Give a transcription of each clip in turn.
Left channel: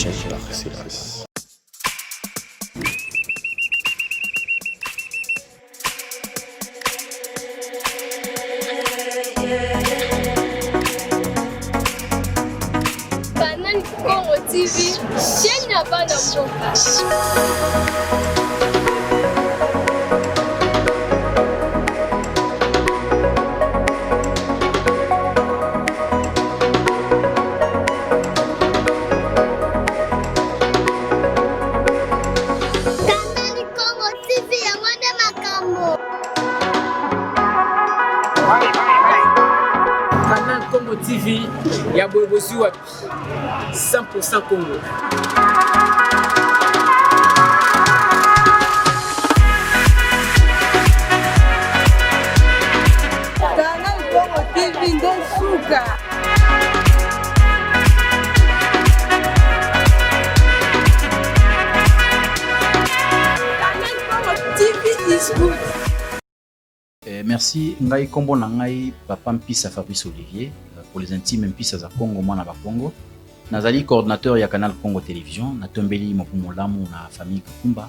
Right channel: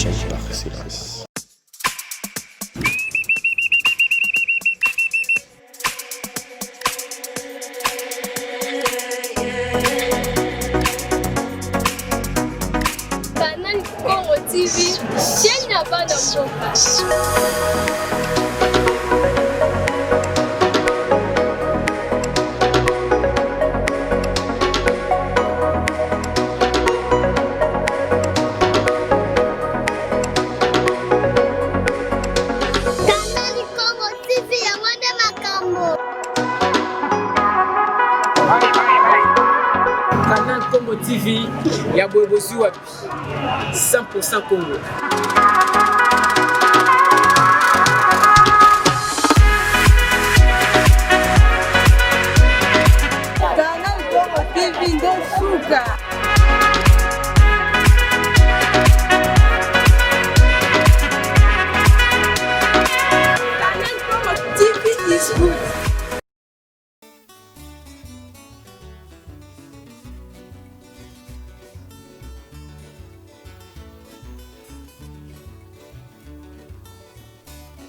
chaîne par excellence. Canal Congo TV, chaîne ya bana mboka. Canal Congo TV, ya boyebosi wapi 100% Congo. Canal Congo TV ndo suka. Canal Congo TV is good. Merci ngai kombo na ngai papa Mpisa Fabrice Olivier pour les intimes Mpisa za Congo mwana ba Congo. Nazali coordinateur ya Canal Congo Télévision natombeli mokumu lamu na famille Kumba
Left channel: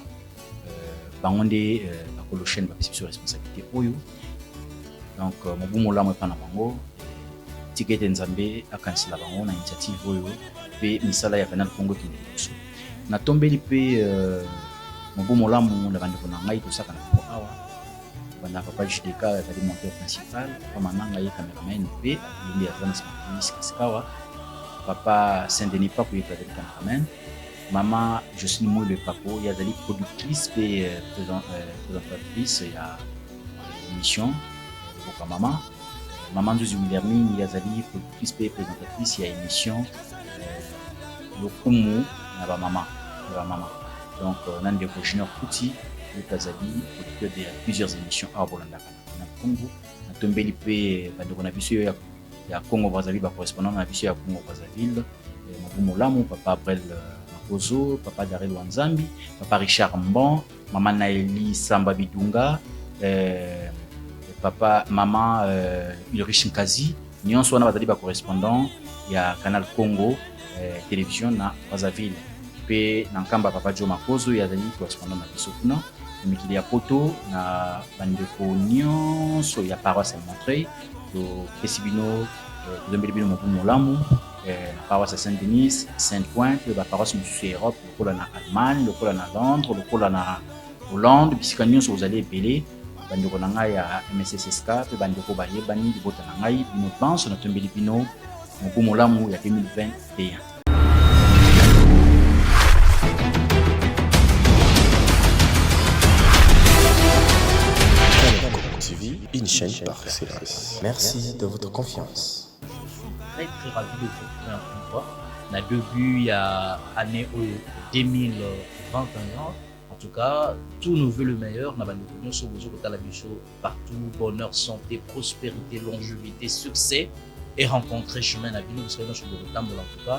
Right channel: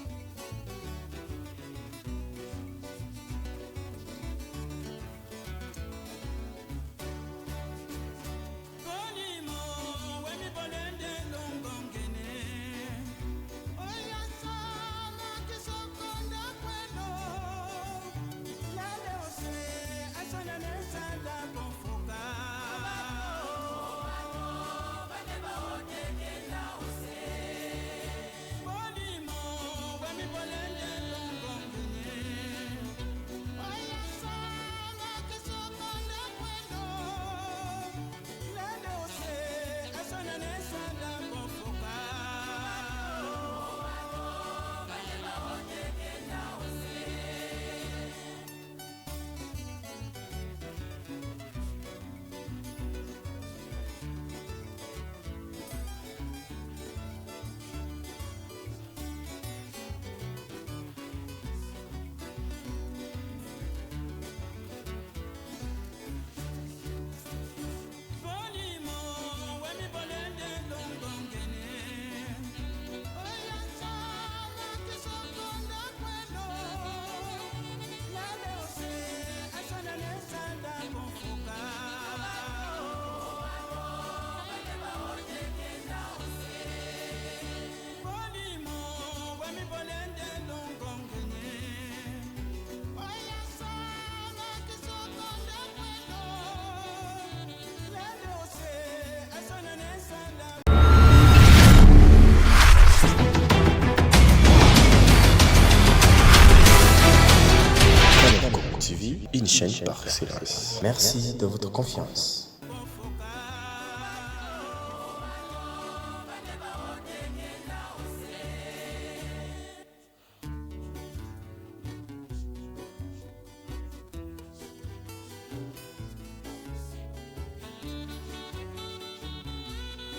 bangonde akolo chaîne ba sur responsabilité oyo. Donc mokumu lamu pa na bango tikete nzambe akansila bango na initiative oyo pe misala ya Canal Congo Télévision. Natombeli pe mokumu lamu na bandeko na ngai tosaka na na papa Jideka est monteur principal comme nanga ye cameraman pe lui a donné ce papa Saint-Denis Papo est avec cameraman maman Jocelyne le Papo il y a des productrices et présentatrice la émission pour maman Josie Moulerni il y a des productrices et présentatrice il y a émission le kumu na ba maman donc nande Bouchineur Kuti de plusieurs émissions à Bolanda Congo natombeli pe bandeko na biso ya Congo Brazzaville ba correspondant na biso ya Congo Brazzaville Molamu papa April Bozo papa Darel Wanzambi papa Richard Mbon maman Naeli Samba Bidunga papa maman Ulrich Mkazi nyonso wana bazali ba correspondant ya Canal Congo Télévision na Brazzaville pe nankamba papa Jo Makozo ya zali correspondant na biso kuna mikili ya poto na bandeko nyonso ya paroisse ya Montreuil to Esibino Zambeli Bino Molamu paroisse ya Saint-Denis Sainte-Pointe ba paroisse mosusu ya Europe lokola na Allemagne lokola na Londres lokola na Hollande bisika nyonso ozali ebele bandeko na ngai ya MSSSK pe bandeko bayebani libota na ngai bino pense na tombeli bino Molamu ya 2021. TV, une chaîne par excellence. Merci de votre confiance. Très ravi de vous retrouver on a début il y a année 2021. En tout cas, tous nous veut le meilleur. Nous sommes partout, bonheur, santé, prospérité, longévité, succès et rencontrer chemin à vie. Nous serons dans le temps en tout cas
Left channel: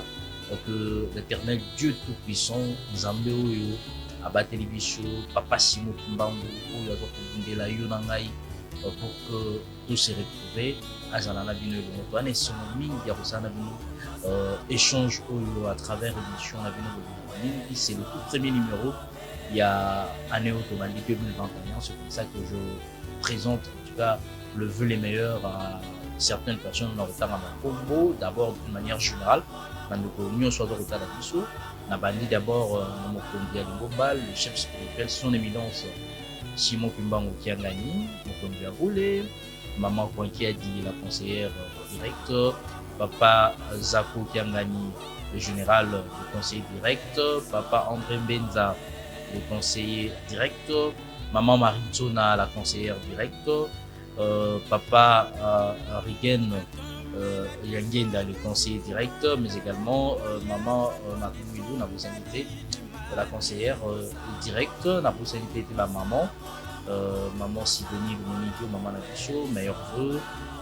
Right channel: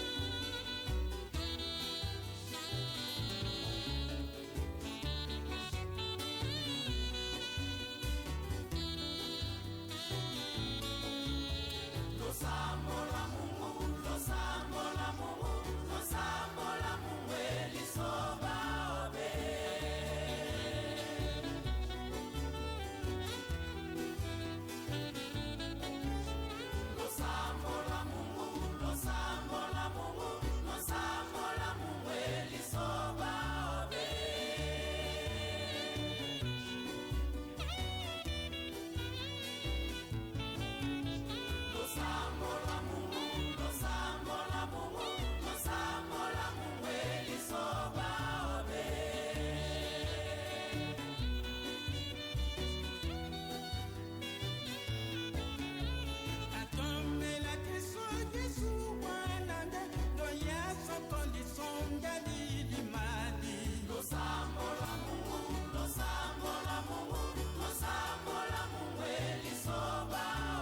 que l'éternel Dieu Tout-Puissant nous emmène à la télévision, Papa Simon Kumbango, la Yunangai, pour que tous se retrouvent à Zanana Bino et son ami, il y a aussi un échange à travers l'émission c'est le premier numéro. Il y a année automatique 2021, c'est pour ça que je présente en tout cas le vœu les meilleurs à certaines personnes dans le temps en Congo, d'abord de manière générale, dans l'union soit dans le temps d'Abisso, on a banni d'abord le chef spirituel, son éminence Simon Kumbango qui a gagné, qui a roulé, maman qui a dit la conseillère directe, papa Zako qui a gagné le général, le conseiller direct, papa André Benza, le conseiller direct, maman Maritsona, la conseillère directe, papa Rigen Yangenda, le conseiller direct, mais également maman Makoumidou, la responsabilité de la conseillère directe, la responsabilité de la maman, maman Sidonie Bonito, maman Nacho, meilleur vœu,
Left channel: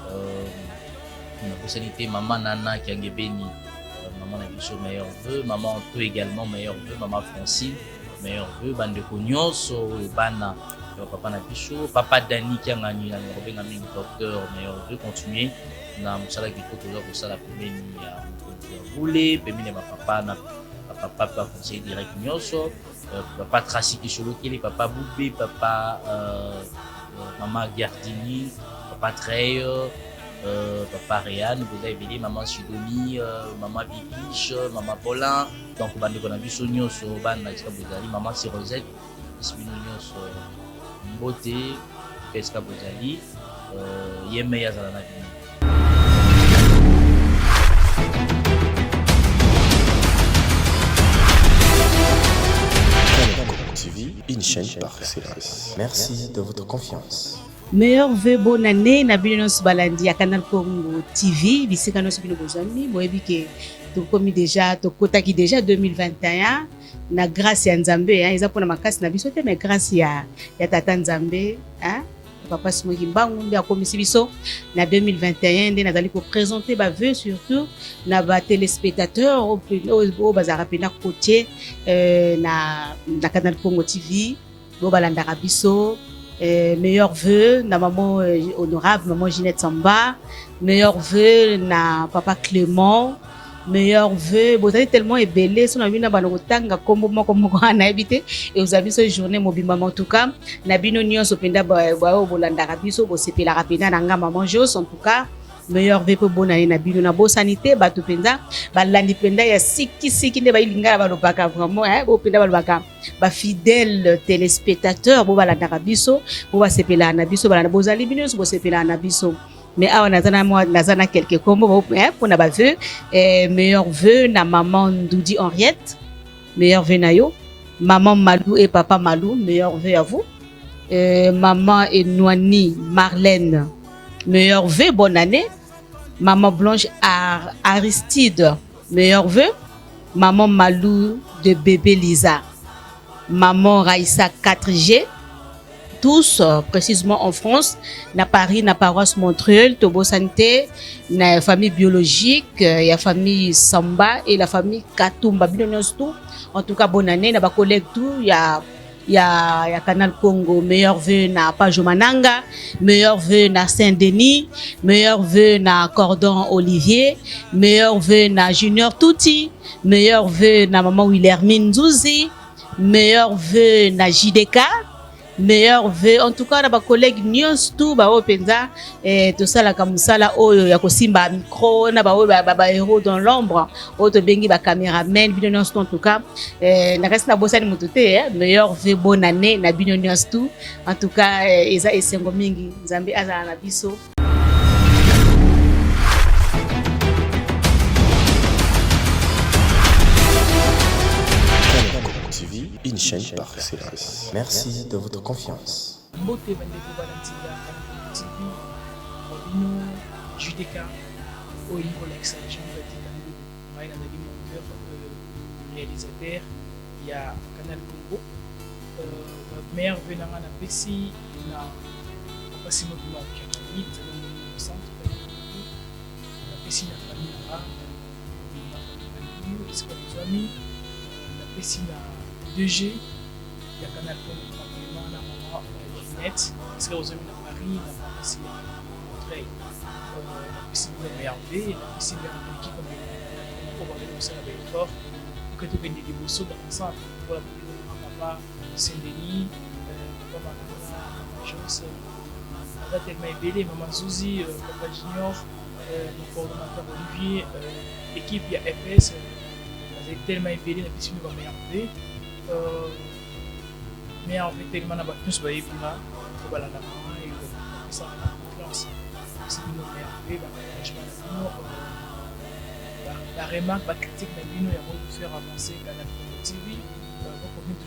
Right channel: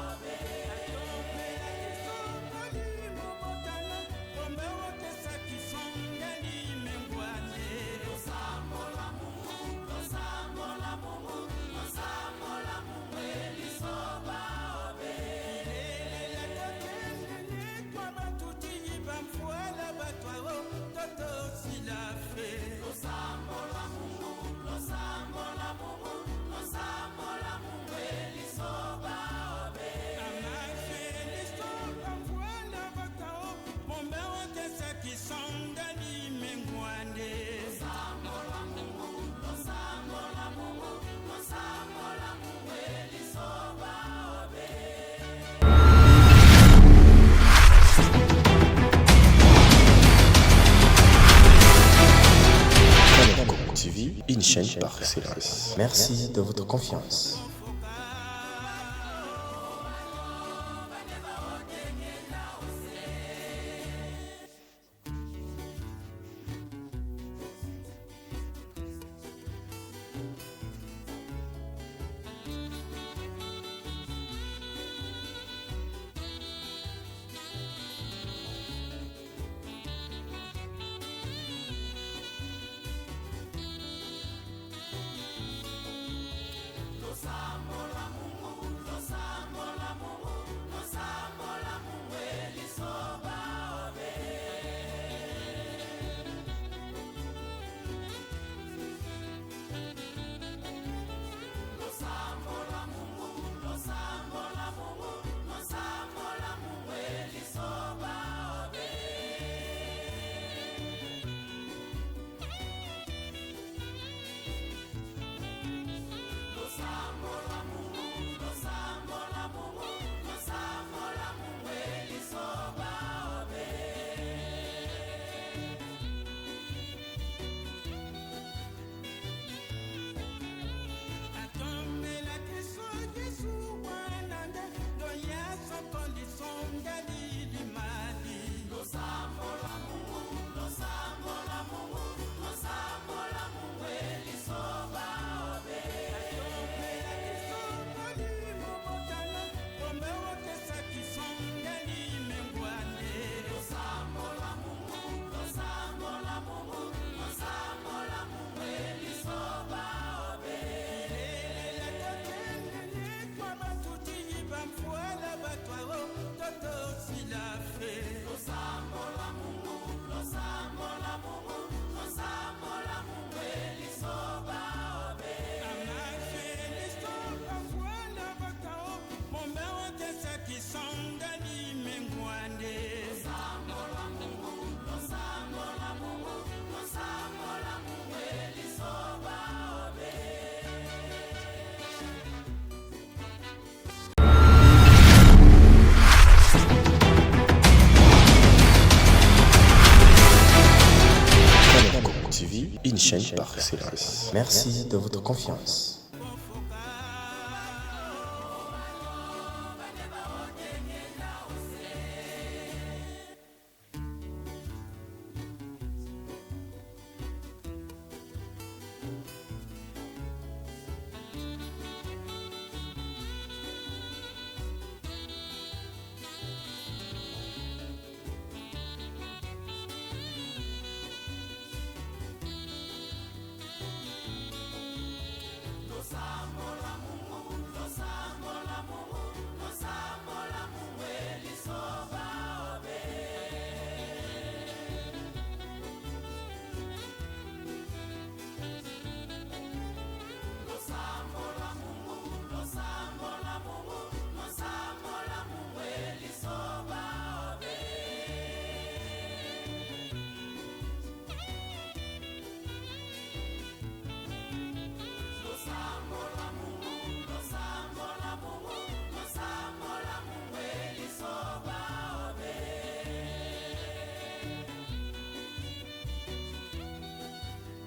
la responsabilité maman Nana Kiangebeni, maman Nacho, meilleur vœu, maman Anto également, meilleur vœu, maman Francine, meilleur vœu, Bandeko Nyonso, Bana. Papa Napicho, papa Dani qui a gagné un docteur, mais on peut continuer. On a un salaire qui faut que ça la commune roulé, papa papa bakonseil direct nyonso, papa Tracy Kisholokele, papa Boubé, papa maman Gardini, papa Trey, papa Réal, vous avez vu maman Sidonie, maman Bibiche, maman Paulin, donc bandeko na biso nyonso bana na bozali, maman Sirosette, bisbino nyonso mbote peska bozali, yeme yazala na bino. TV, une chaîne par excellence. Merci de votre confiance. Meilleur vœu bonne année na bino nyonso balandi ya Canal Congo TV bisika nyonso bino bozali boyebi ke tokomi déjà tokotaki déjà 2021 na grâce ya Nzambe eza mpona makasi na biso te mais grâce ya tata Nzambe papa Simoki Mbangu nde akomisi biso na 2021 nde nazali koprésente bavœu surtout na batelespectateur oyo bazalaka mpena kotie na Canal Congo TV oyo balandaka biso. Meilleur vœu na maman honorable maman Ginette Samba, meilleur vœu na papa Clément, meilleur vœu bozali tellement ebele so na bino bana kotanga kombo moko na ebité et vous avez ce journée mobimba en tout cas na bino nyonso penda ba bolandaka biso bo sepelaka penda na nga maman Jos en tout cas meilleur vœu pour bonne année na bino na bo sanité bato penda balandi penda ya siki nde bayilinga balobaka vraiment bo penda balobaka ba fidèle téléspectateur bo balandaka biso bo basepela na biso balanda bozali bino bo sepela na biso. Mais awa nazana quelques combos pour na ba vœu meilleur vœu na maman Ndoudi Henriette, meilleur vœu na yo, maman Malou et papa Malou, meilleur vœu à vous, maman Enouani Marlène, meilleur vœu bonne année, maman Blanche Aristide, meilleur vœu, maman Malou de bébé Lisa, maman Raïssa 4G, tous précisément en France, na Paris, na paroisse Montreuil, Tobo Santé, na famille biologique, la famille Samba et la famille Katumba. En tout cas, bonne année, na ba collègue tout, il y a Canal Congo, meilleur vœu na Pajomananga, meilleur vœu na Saint-Denis, meilleur vœu na Cordon Olivier, meilleur vœu na Junior Touti, meilleur vœu na maman Wilhelmine Zouzi, meilleur vœu na JDK. Meilleur vœu en tout cas na ba collègue nyonso tout ba openza tout ça la kamusala oyo ya kosimba micro na ba héros dans l'ombre auto bengi ba caméraman bino nyonso en tout cas na reste na bosani mututé meilleur vœu bonne année na bino nyonso tout en tout cas eza esengo mingi Nzambe azala na biso. TV, une chaîne par excellence. Merci de votre confiance. Meilleur venant à la Pessi, la Passion de la Catholique, le centre de la Pessi, la Pessi, la Pessi, 2G, il y a Canal Congo, la net, parce que aux amis de Paris, la Pessi, la Pessi, la RV, la Pessi, la qui pour avoir comme ça avec le corps, que tu viennes des morceaux comme ça, pour la Saint-Denis, je sais, on va tellement ébélé, maman Zouzi, papa Junior, le coordonnateur Olivier, l'équipe, il y a FS, on est tellement ébélé, la question va m'énerver. Mais en fait, tellement on va tous voyer pour là, voilà, la maman, ça va confiance. Si nous m'énerver, la remarque, la critique, nous allons faire avancer Canal Congo TV.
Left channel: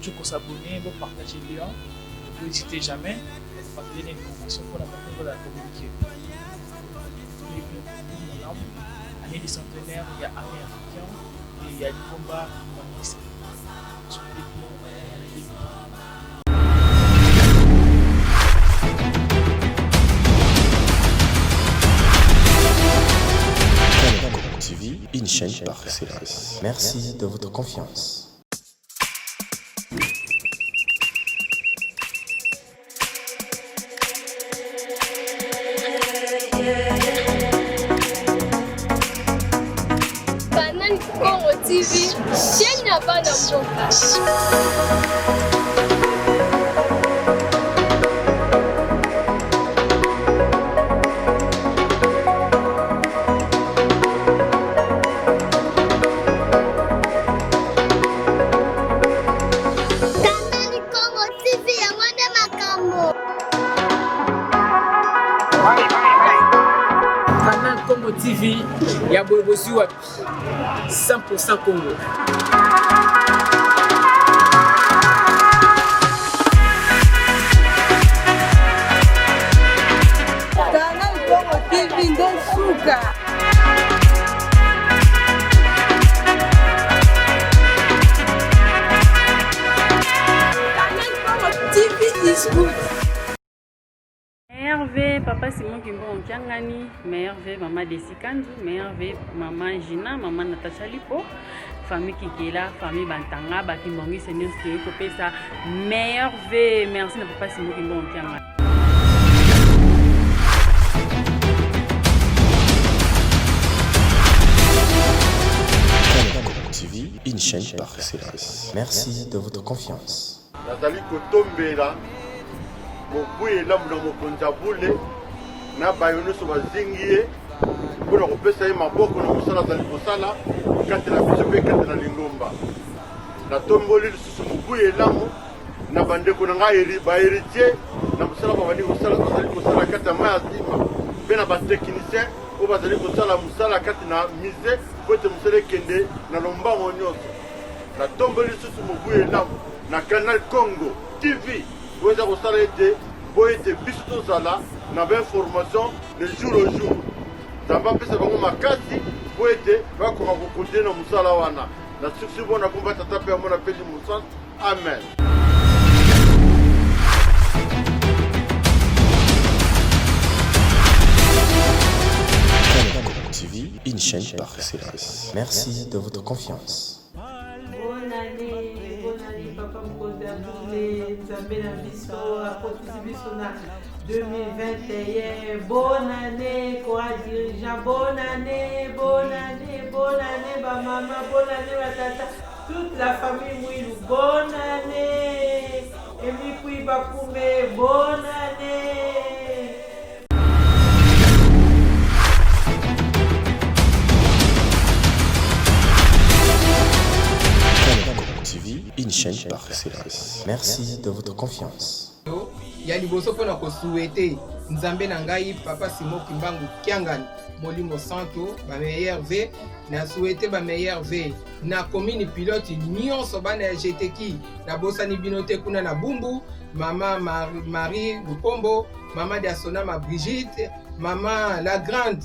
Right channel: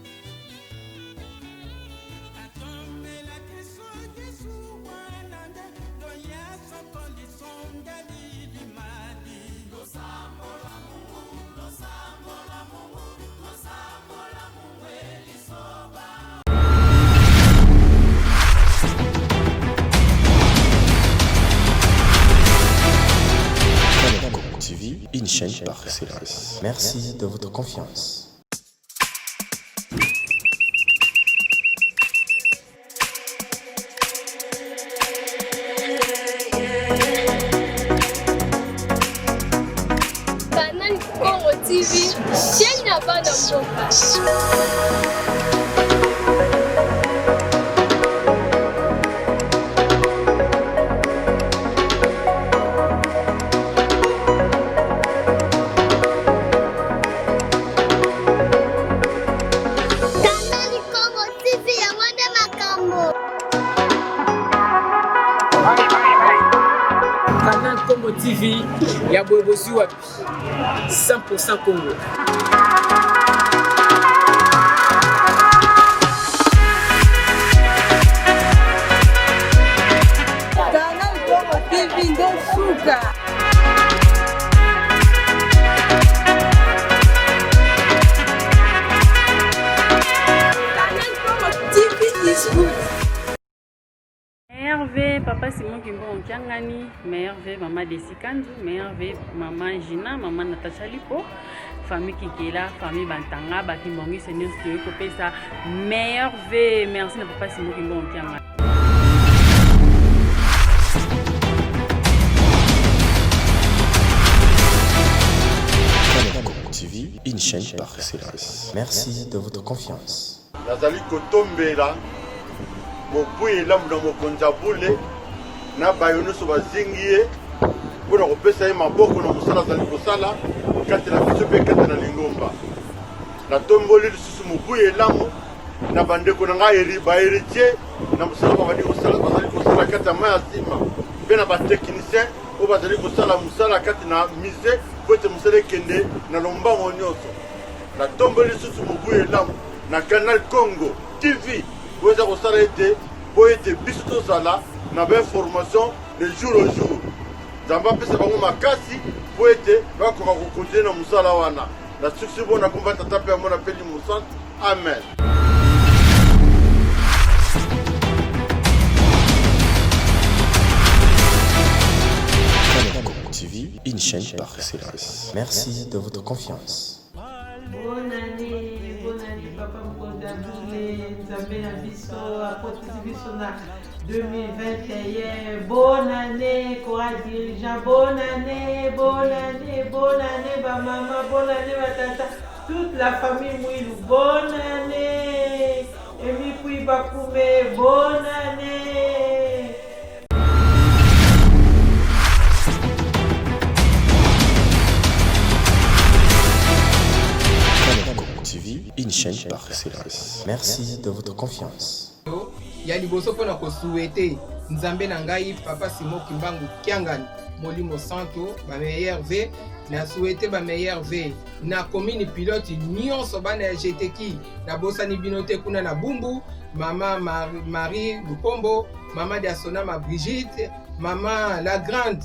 Toujours pour s'abonner, pour partager les liens. N'hésitez jamais à donner une information pour la communiquer. Année du centenaire, il y a américain et il y a du combat humaniste. Canal Congo TV, une chaîne par excellence. Merci de votre confiance. Congo TV, chaîne ya bana mboka. Canal Congo TV, ya boyebosi wapi 100% Congo. Canal Congo TV ndo suka. Canal Congo TV is good. Merve, papa Simon Kimbo Nkiangani, Merve, maman Desi Kandu, Merve, maman Gina, maman Natacha Lipo, famille Kikela, famille Bantanga, Bakimbongi, Seigneur Stio Kopesa, Merve, merci na papa Simon Kimbo Nkiangani. Canal Congo TV, une chaîne par excellence. Merci de votre confiance. Nazali kotombela mobuye lamu na mokonza bule na bayono so bazingi ye mpona kopesa ye maboko na mosala azali kosala kati na biso mpe kati na lingomba natomboli lisusu mobuye lamu na bandeko na ngai baheritier na mosala bazali kosala kati ya mai ya nsima mpe na batechnicien oyo bazali kosala mosala kati na mise po ete mosala ekende na lombango nyonso natomboli lisusu mobuye lamu na Canal Congo TV oyo eza kosala ete po ete biso tozala na bainformation le jour au jour nzambe apesa bango makasi po ete bakoka kokontinue na mosala wana na suksi bona komba tata mpe yamona mpeli mosantu amen. Canal Congo TV, une chaîne par excellence. Merci de votre confiance. Bonne année, papa Mkonda Boulé, Nzambe na biso, apotisi biso na 2021. Bonne année, courage dirigeant. Bonne année, ba maman, bonne année, ba tata, toute la famille Mouilou. Bonne année, Emi Kui Bakume, bonne année. Canal Congo TV, une chaîne par excellence. Merci de votre confiance. Ya liboso mpona kosuete nzambe na ngai papa Simon Kimbangu Kiangani molimo santo ba meilleur v na souhaité ba meilleur v na commune pilote nyonso bana ya jeteki na bosani binote kuna na Bumbu mama Marie Lupombo mama Diasonama Brigitte mama la grande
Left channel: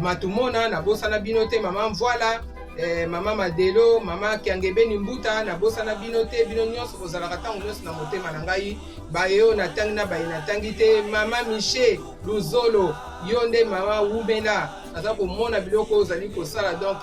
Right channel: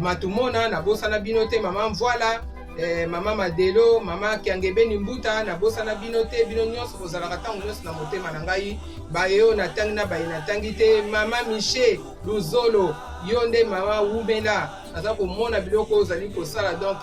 Matumona na bosana binote mama Mvoila mama Madelo, mama Kiangebeni Mbuta, na bosa na binote, bino nyonso bozalaka tango nyonso na motema na ngai, bayo na tangi na bayi na tangi te, mama Miché Luzolo, yonde mama Wumela, naza komona biloko ozali kosala donc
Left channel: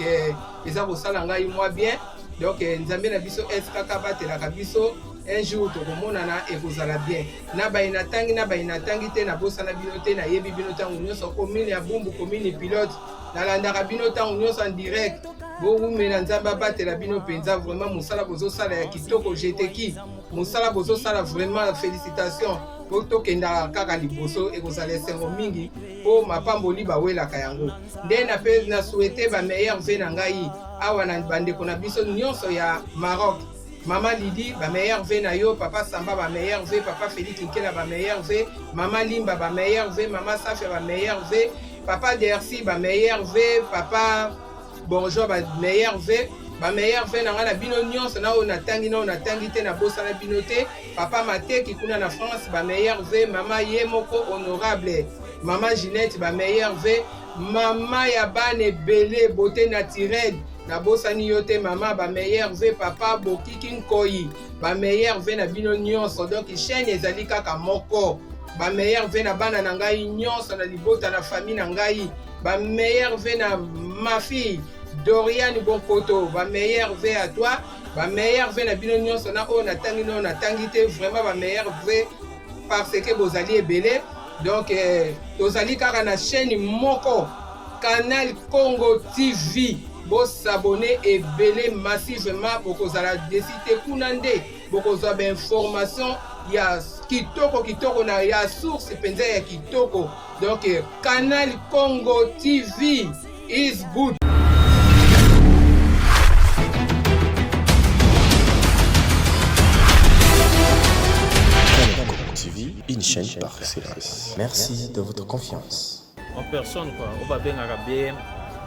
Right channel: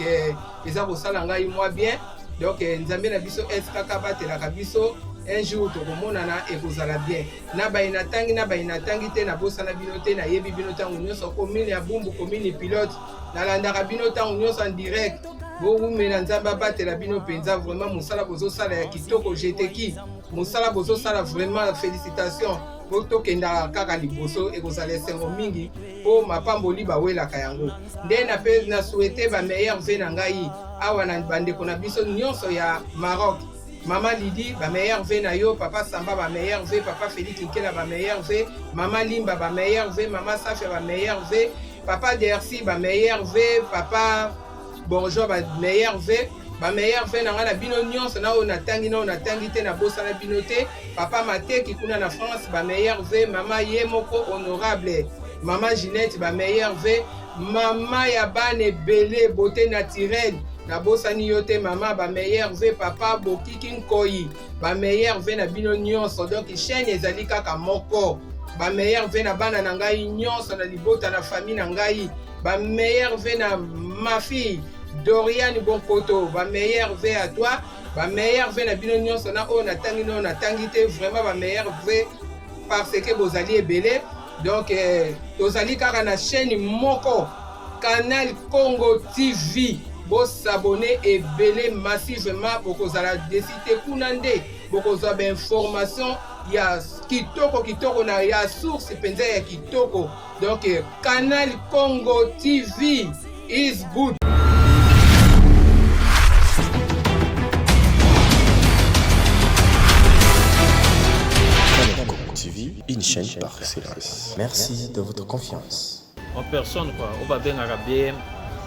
eza kosala ngai moi bien, donc nzambe na biso kaka batelaka biso, un jour tokomonana ekozala bien. Na bayi na tangi te na bosa na binote, na yebi bino tango nyonso commune ya Bumbu, commune pilote, na landaka bino tango nyonso en direct. Bogu mena nzamba batela bino penza vraiment musala bozo sala ya kitoko jeteki musala bozo sala vraiment félicitations boto kenda kaka liboso ekozala esengo mingi po mapamboli bawelaka yango nde na pe na souhaiter ba meilleur ve na ngai awa na bandeko na biso nyonso ya Maroc mama Lidi ba meilleur ve na yo papa Samba ba meilleur ve papa Félix Nkela ba meilleur ve mama Limba ba meilleur ve mama Safia ba meilleur ve papa Dersi ba meilleur ve papa bonjour ba meilleur v ba meilleur v na bino nyonso na ona tangi te na bosa na bino te papa Mateki kuna na France ba meilleur v mama Yemoko honorable mama Ginette ba meilleur v mama ya bane belé beauté naturelle na bosa ni yote mama ba meilleur v papa Bokiki Nkoi ba meilleur v na bino nyonso donc chaîne ezali kaka moko ba meilleur v na bana na ngai nyonso na libota na famille na ngai ba meilleur v na ma fille Dorian Bonkoto, ba meilleur V à toi, ba meilleur V na bino nyonso na o na tangi te vraiment ba meilleur V parce que vous alliez belé donc tozali kaka na chaîne moko Canal Congo TV bosabone ebele massivement bokozala desite kuna nde bokozwa bainformation ya kitoko na ya source penza ya kitoko. Donc Canal Congo TV is good. Canal Congo TV, une chaîne par excellence. Merci de votre confiance. En personne, quoi, on va bien araber.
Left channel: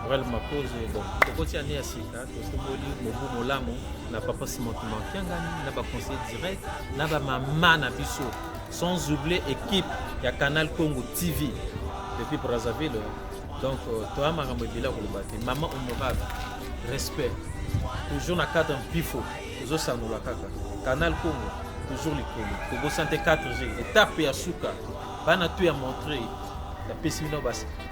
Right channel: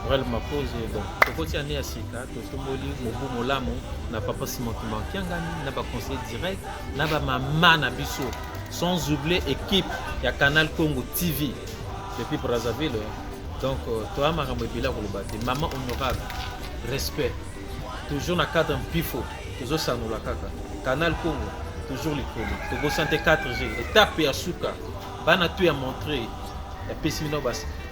Vraiment pose bon kokoti ane ya sika totomboli mobu molamu na papa Simon Kimbangou na ba conseil direct na ba mama na biso, sans oublier équipe ya Canal Congo TV depuis Brazzaville. Donc toi makambo ebela ko lobate maman honorable, respect toujours na cadre pifo toujours sanola kaka Canal Congo toujours likolo tobo santé 4G étape ya suka bana tu ya montrer et puis sinon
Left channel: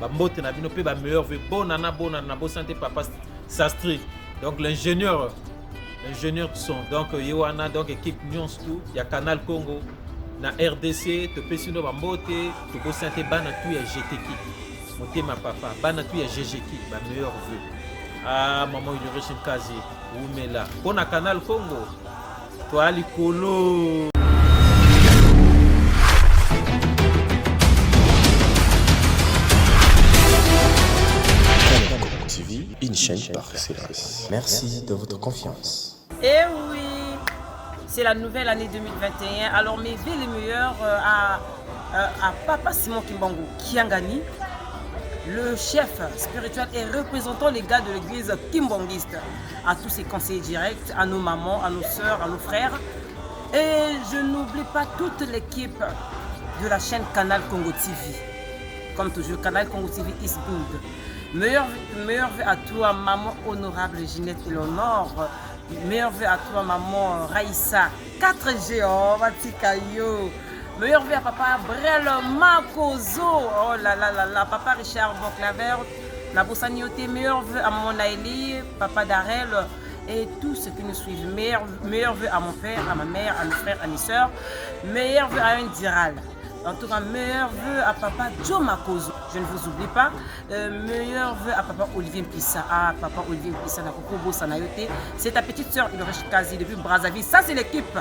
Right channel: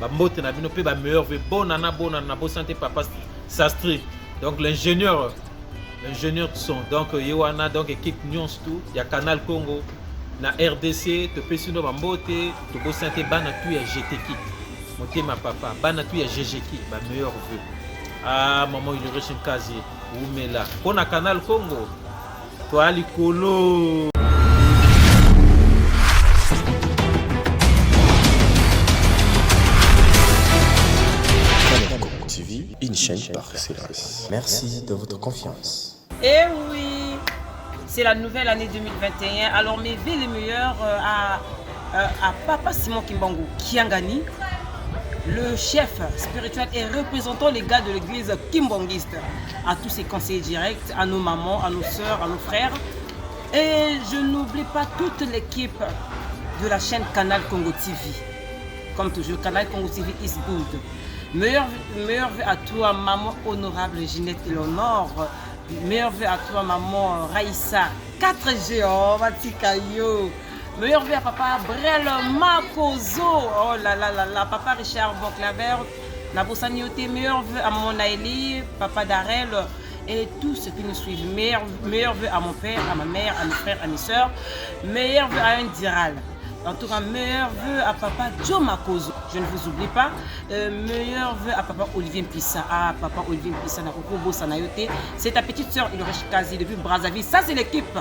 ba mbote na bino pe ba meilleur ve bonana bo santé papa Sastri. Donc l'ingénieur de son, donc Yoana, donc équipe Nyons tout ya Canal Congo na RDC to pe sinon ba mbote to bo santé bana tu ya GTK motema papa bana tu ya GGK ba meilleur ve ah maman Innovation Kazi Oumela pona Canal Congo to ali kolo. TV, une chaîne par excellence. Merci de votre confiance. Eh oui, c'est la nouvelle année 2021. Alors mes vœux les meilleurs à Papa Simon Kimbangou Kiangani, le chef spirituel et représentant les gars de l'église kimbanguiste, à tous ses conseillers directs, à nos mamans, à nos soeurs, à nos frères. Et je n'oublie pas toute l'équipe de la chaîne Canal Congo TV. Comme toujours, Canal Congo TV is good. Meilleur vœu à toi, maman honorable Ginette Eleonore. Meilleur vœu à toi, maman Raïssa. 4G, oh, Matikayo. Meilleur vœu à papa Brel Makozo. Oh là là là là, papa Richard Bonclaver. Nabosanioté. Meilleur vœu à maman Naïli, papa Darel. Et tous ceux qui nous suivent. Meilleur vœu à mon père, à ma mère, à mes frères, à mes soeurs. Meilleur vœu à un diral. En tout cas, meilleur vœu à papa Joe Makozo. Je ne vous oublie pas. Meilleur vœu à papa Olivier Mpissa. Ah, papa Olivier Mpissa, c'est ta petite soeur Ulrich Kazi depuis Brazzaville. Ça, c'est l'équipe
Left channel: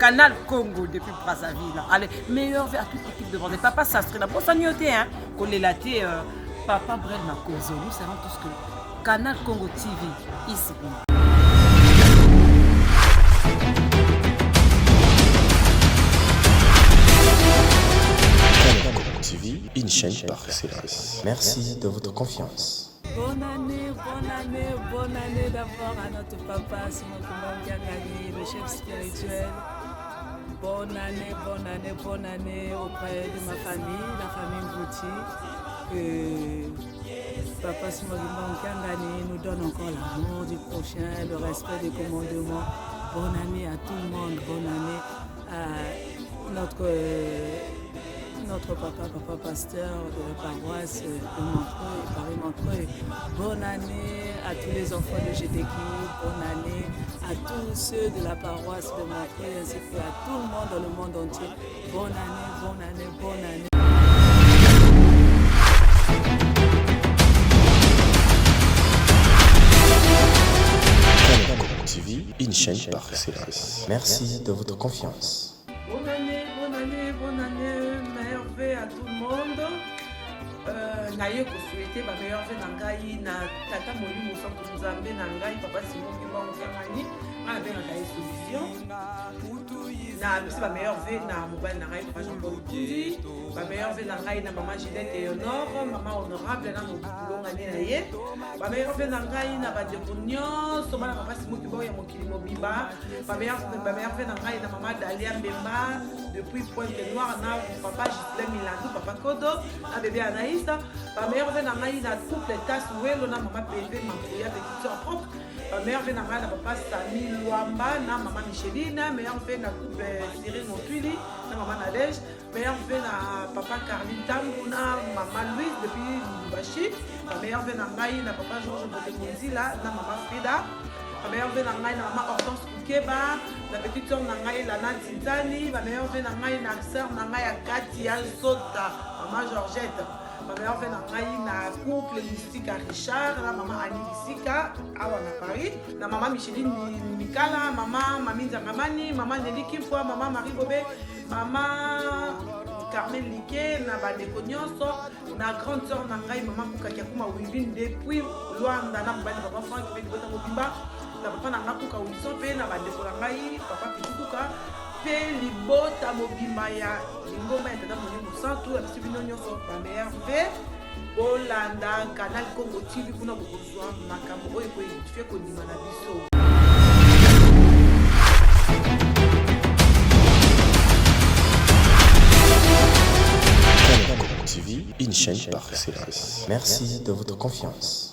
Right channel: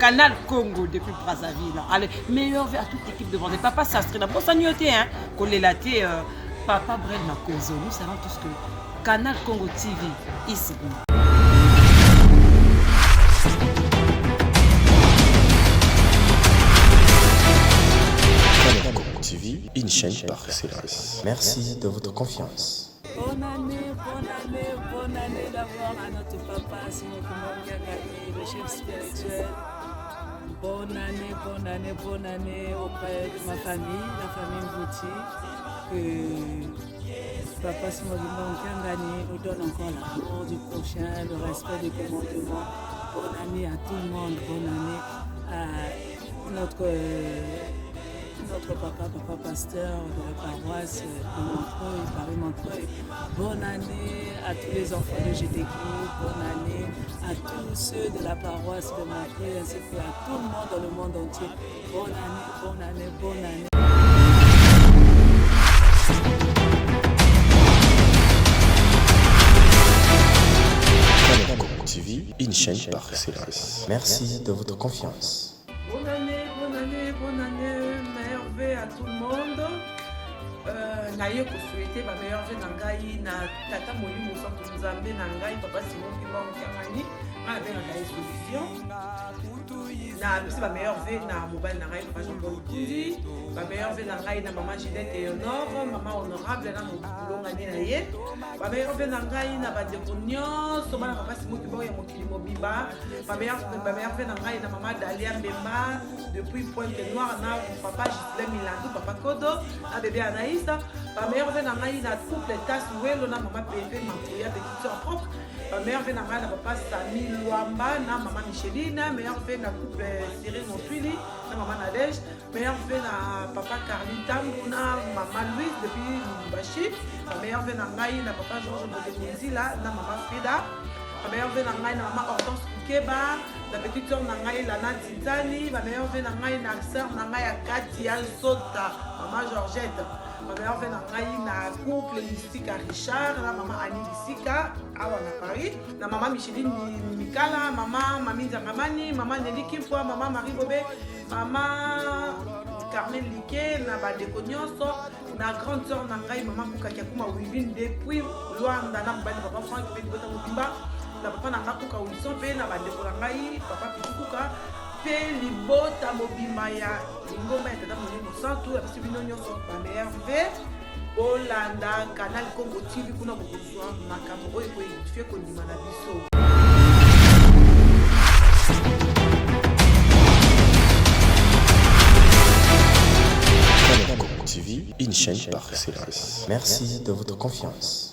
Canal Congo depuis Brazzaville. Allez, meilleur vœu à toute l'équipe de Brazzaville. Papa Sastri, la bossa nyoté, hein. Kolélaté, papa Brel Makozo. Nous savons tous que Canal Congo TV, ici. Canal Congo TV, une chaîne par excellence. Merci de votre confiance. Bonne année d'abord à notre papa Simon Kimbangou, le chef spirituel. Bonne année auprès de ma famille, la famille Ngouti. Papa Simon Kimbangou nous donne encore l'amour du prochain, le respect des commandements. Bonne année à tout le monde, bonne année à notre papa pasteur de la paroisse de Montreuil, Paris-Montreuil. Bonne année à tous les enfants de GTK, bonne année à tous ceux de la paroisse de Montreuil ainsi qu'à tout le monde dans le monde entier. Bonne année. Canal Congo TV, une chaîne par excellence. Merci de votre confiance. Bonne année, meilleur vœu à tout le monde. Naye ko souhaiter ba meilleur vœu na ngai na tata Molimo Santo Nzambe na ngai papa Simon Kimbangou Kiangani na be na solution na aussi ba meilleur vœu na mobile na ngai papa Jean-Paul Kundi, ba meilleur vœu na ngai na maman Ginette Eleonore, maman honorable na mobulonga ni na ye, ba meilleur vœu na ngai na ba ndeko nyonso bana papa Simon Kimbangou ya mokili mobimba, ba meilleur vœu na ngai na maman Dalia Mbemba depuis Pointe-Noire na papa Gislain Milandou, papa Kodo na bébé Anaïs. Ma mère vient dans la couple tasse ouelo na maman PV Mampouya petite soeur propre. Ma mère vient dans la papa Sami Luamba na maman Micheline. Ma mère vient dans couple Cyril Montwili na maman Nadège. Ma mère vient dans papa Carline Tambou na maman Louise depuis Lubumbashi. Ma mère vient dans la papa Georges Botemondi na maman Frida. Ma mère vient dans la maman Hortense Koukeba. La petite soeur Nangaï Lana Tintani. Ma mère vient dans la sœur Nangaï Katia Sota. Maman Georgette. Ma bameilleur ve na ngai na couple Mystika Richard na mama Annie Lisika awa na Paris na mama Micheline Mikala mama Mami Nzangamani mama Nelly Kimpwa mama Marie Bobé mama Carmen Liké na bandeko nyonso na grande sœur na ngai mama Kuka Kiakuma Wivine depuis Luanda na mbali papa Franck pe bota mobimba na papa na nga Kuka Wilson pe na bandeko na ngai papa Pitukuka pe libota mobimba ya lingomba ya tata Molimo Santu ya biso bino nyonso bameilleur ve Olanda Canal Congo TV kuna bokozwa makambo oyo koedifie kondima na biso. Canal Congo TV, une chaîne par excellence. Merci de votre confiance.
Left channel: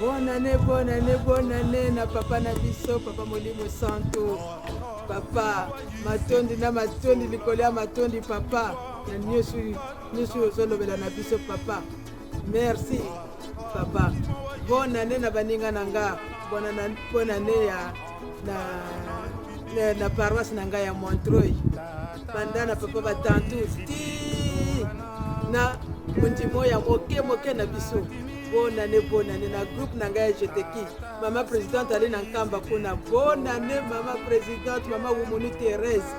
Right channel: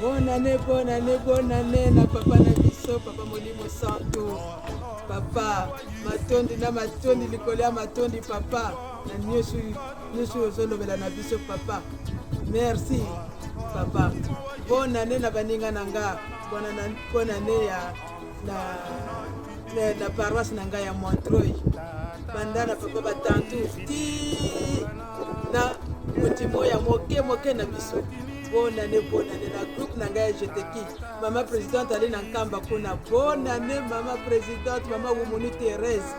Bonne année na papa na biso papa Molimo Santu papa matondi na matondi likolo ya matondi papa na nyonso ozolobela na biso papa merci papa bonne année na baninga na nga bonne année na paroisse na nga ya Montreuil banda na papa batantu ti na motimo ya moke na biso bonne année na groupe na nga ya jeteki mama présidente ali na nkamba kuna bonne année mama présidente mama Wumuni Thérèse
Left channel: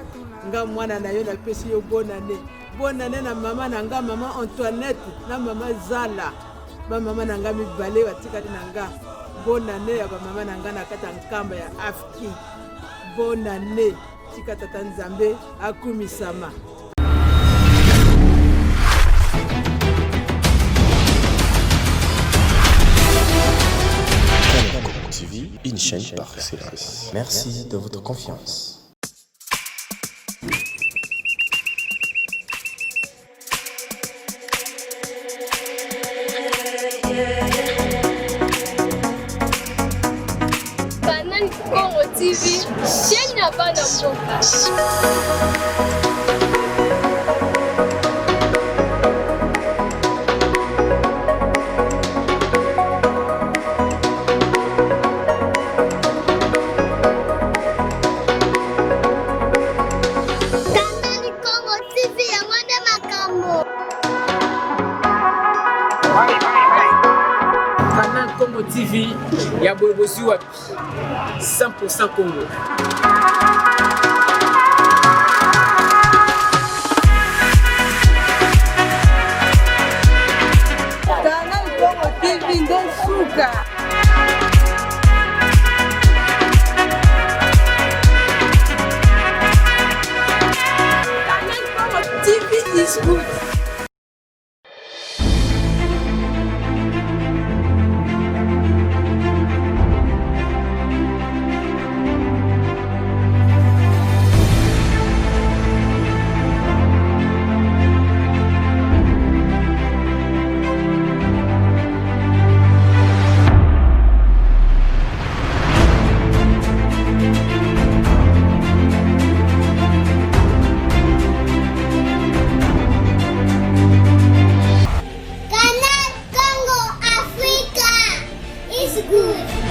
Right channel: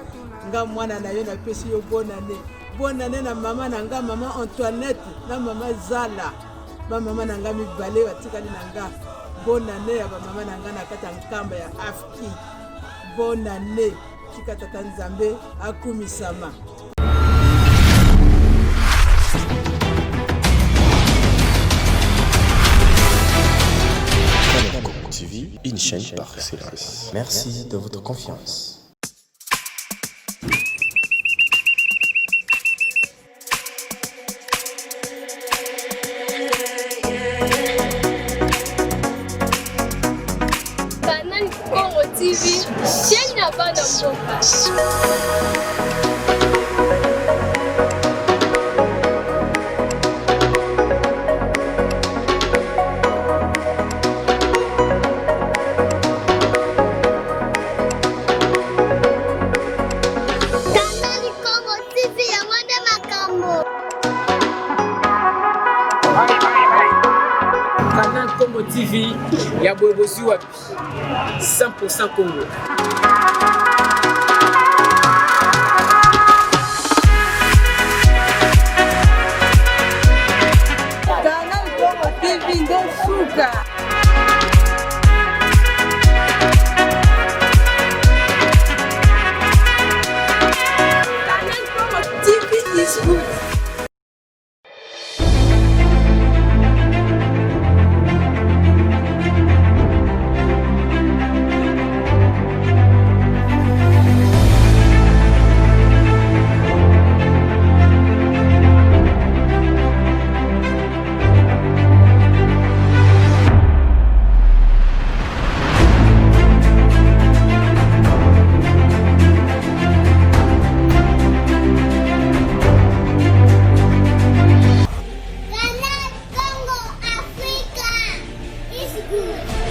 nga mwana na yo napesi yo bonne année na mama na nga mama Antoinette na mama Zala mama na nga mibale batikali na nga bonne année ya mama na nga na kata nkamba ya Afki bonne année tika tata Nzambe akumisama. Canal Congo TV, une chaîne par excellence. Merci de votre confiance. Canal Congo TV, chaîne ya bana mboka. Canal Congo TV ya boyebosi wapi 100% Congo. Canal Congo TV nde suka. Canal Congo TV is good. Canal Congo Africa is good.